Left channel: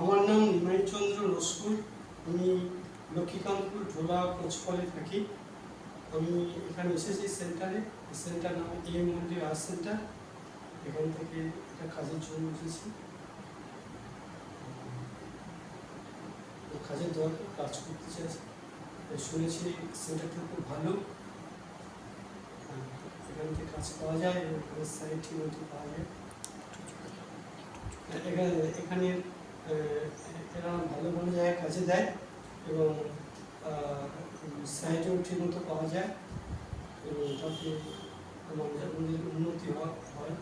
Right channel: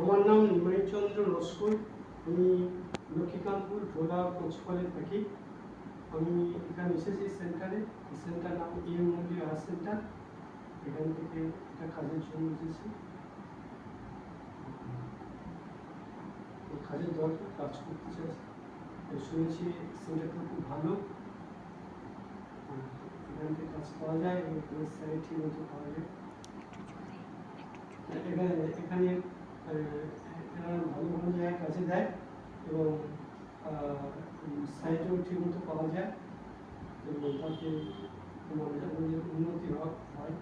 আমার নাম নিমাই চন্দ্র লস্কর। আমি লক্ষ্মীকান্তপুর ঢোলা কোচফলে থাকি। আমি এখানে এসেছি সেন্টারে। সেন্টার নাম এম মন্দির আর্ট সেন্টার। এখান থেকে একটা কাজের জন্য এসেছি। কাজের দরকার, কাজ করতে চাইছি। শুনেছি সেন্টারটা খুব ভালো, এখান থেকে কাজ পাওয়া যায় এবং স্যালারি ঠিক মতো পাওয়া যায়। এখানে এরা ভালো ভালো জায়গায় কাজে দেয় এবং স্যালারিটাও ঠিক মতো পাওয়া যায় এবং তাতে আমাদের উন্নতি হয়।